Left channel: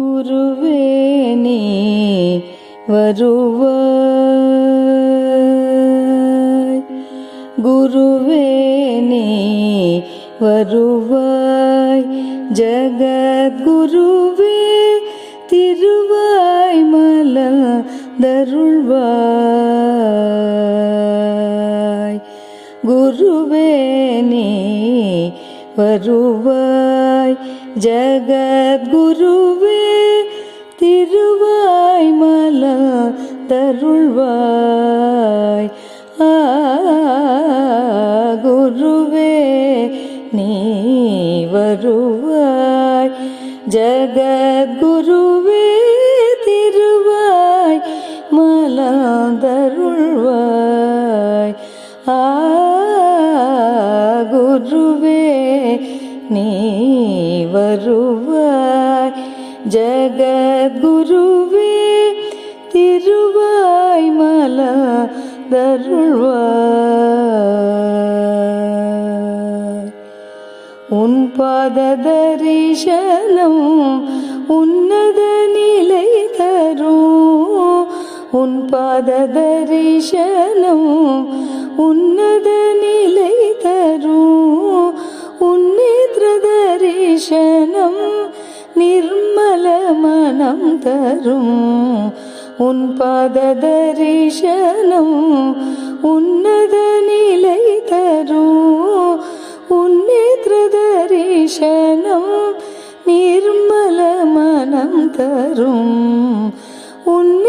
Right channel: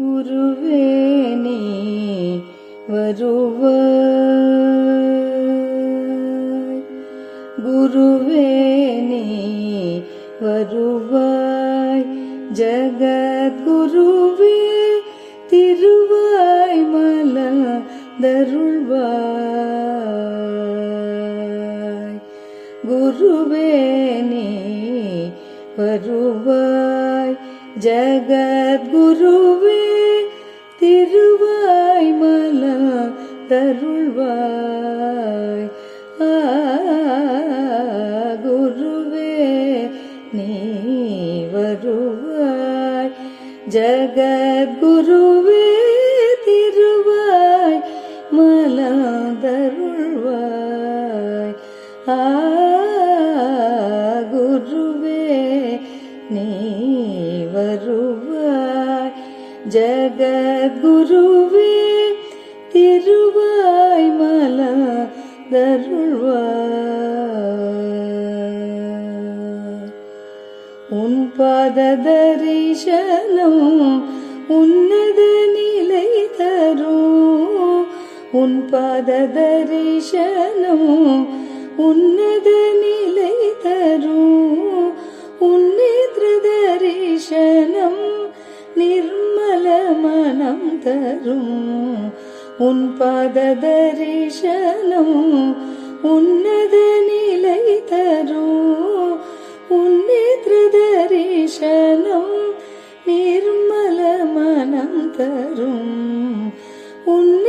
குருவே நீ வருவாய் குருவே நீ வருவாய். ஜகத்குருவே திருவாய் மலர்ந்தருள்வாய். குருவே நீ வருவாய். ஜகத்குருவே அருள்வாய் குருவே நீ வருவாய். ஜகத்குருவே திருவாய் மலர்ந்தருள்வாய் ஆ குருவே நீ வருவாய். ஜகத்குருவே மலர்ந்தருள்வாய் உன் பாத தரிசனம் உன்னத நிலை தரும். உன் பாத தரிசனம் உன்னத நிலை தரும். உன் நேத்திர தரிசனம் நிர்மல மனம் தரும். உன் பாத தரிசனம் தரும். உன்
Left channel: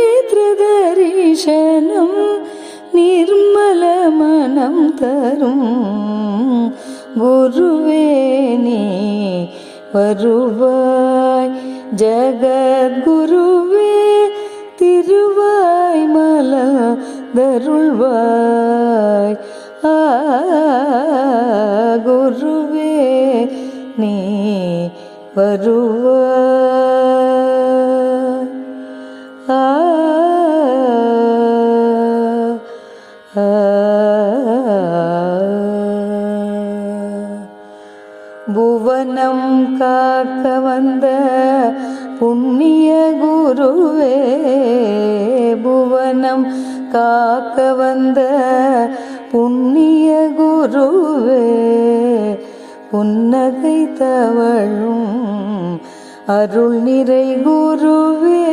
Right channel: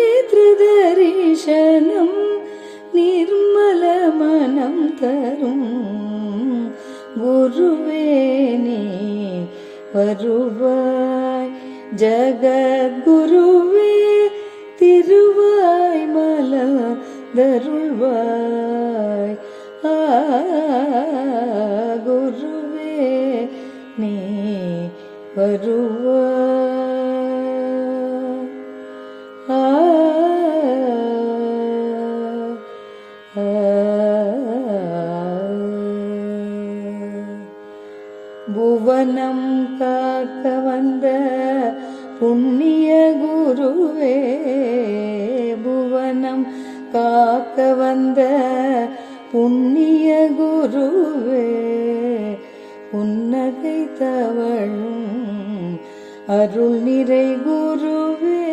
நிர்மல மனம் தரும். குருவேனே வருவாய் ஜகத்குருவே திருவாய் மல தருள்வாய் குருவே நீ வருவாய். புவனம் காக்க வந்த புண்ணிய குருவே புவனம் காக்க வந்த புண்ணிய குருவே புன்னகை தவழும் அருள் நிறை குருவே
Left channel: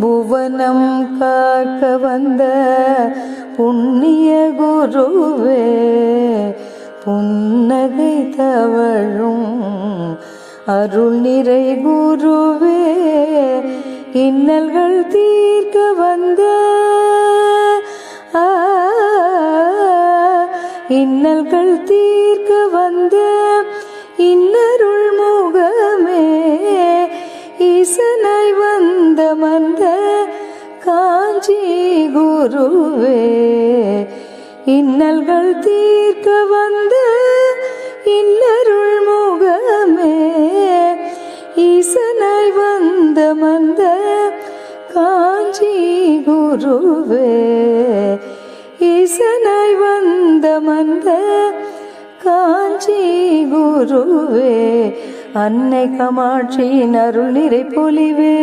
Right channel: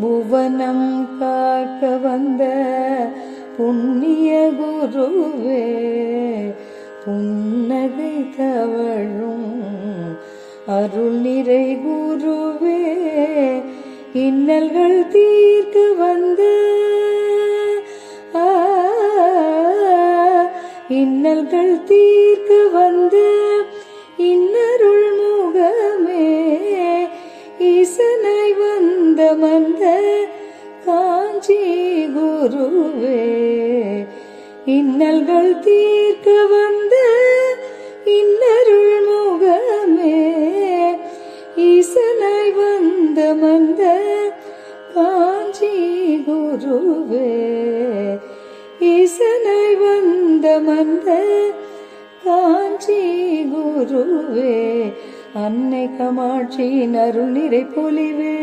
புவனம் காக்க வந்த புண்ணிய குருவே புன் தவழும் அருள் நிறை குருவே இன்னல்கள் தீர்க்க வந்த இன்னல்கள் தீர்க்க வந்த இன்னருள் முகமே ஈசனாய் வந்த மந்த காஞ்சி குருவே இன்னல்கள் தீர்க்க வந்த குருவே ஈசனாய் வந்த மந்த காஞ்சி குருவே. அன்னை கமாட்சியின் அருள் நிறை பொலிவே.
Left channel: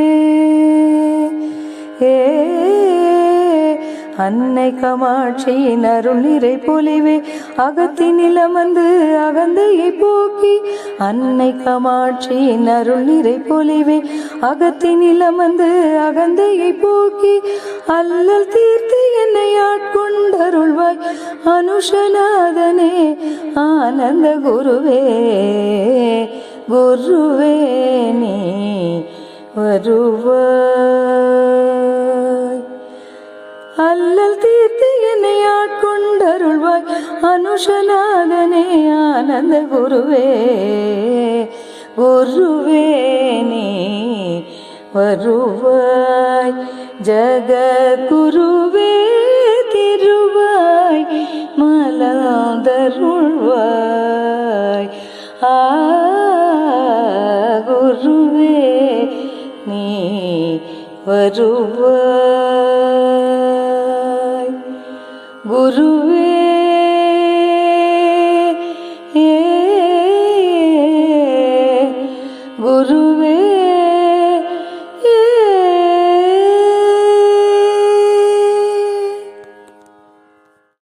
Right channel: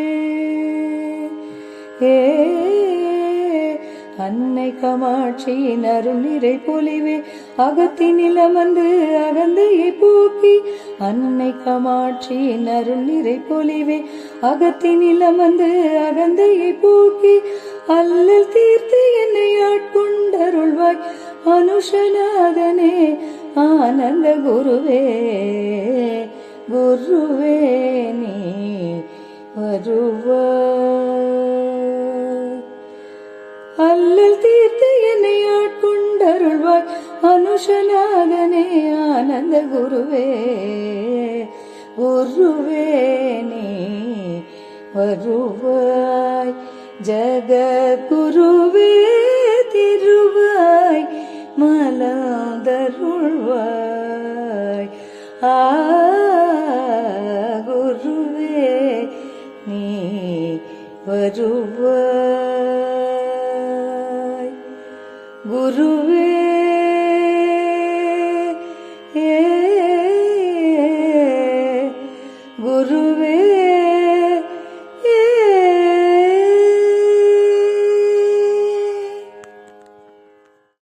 ஏ அன்னை கமாட்சியின் அருள் நிறை பொலிவே அகத்தினில் அமர்ந்து அகந்தையை போக்கி அன்னை கமாட்சியின் அருள் நிறை பொலிவே அகத்தினில் அமர்ந்து அகந்தையை போக்கி அல்லல் தீர்த்து என்னை ஆட்கொண்டருள்வாய் அனுஷநாதனே ஆனந்த குருவே குருவே நீ வருவாய். அல்லல் தீர்த்து என்னை ஆட்கொண்டருள்வாய். அனுஷநாதனே ஆனந்த குருவே குருவே நீ வருவாய். ஜகத்குருவே திருவாய் மலாதருள்வாய் ஆ குருவே நீ வருவாய். குருவே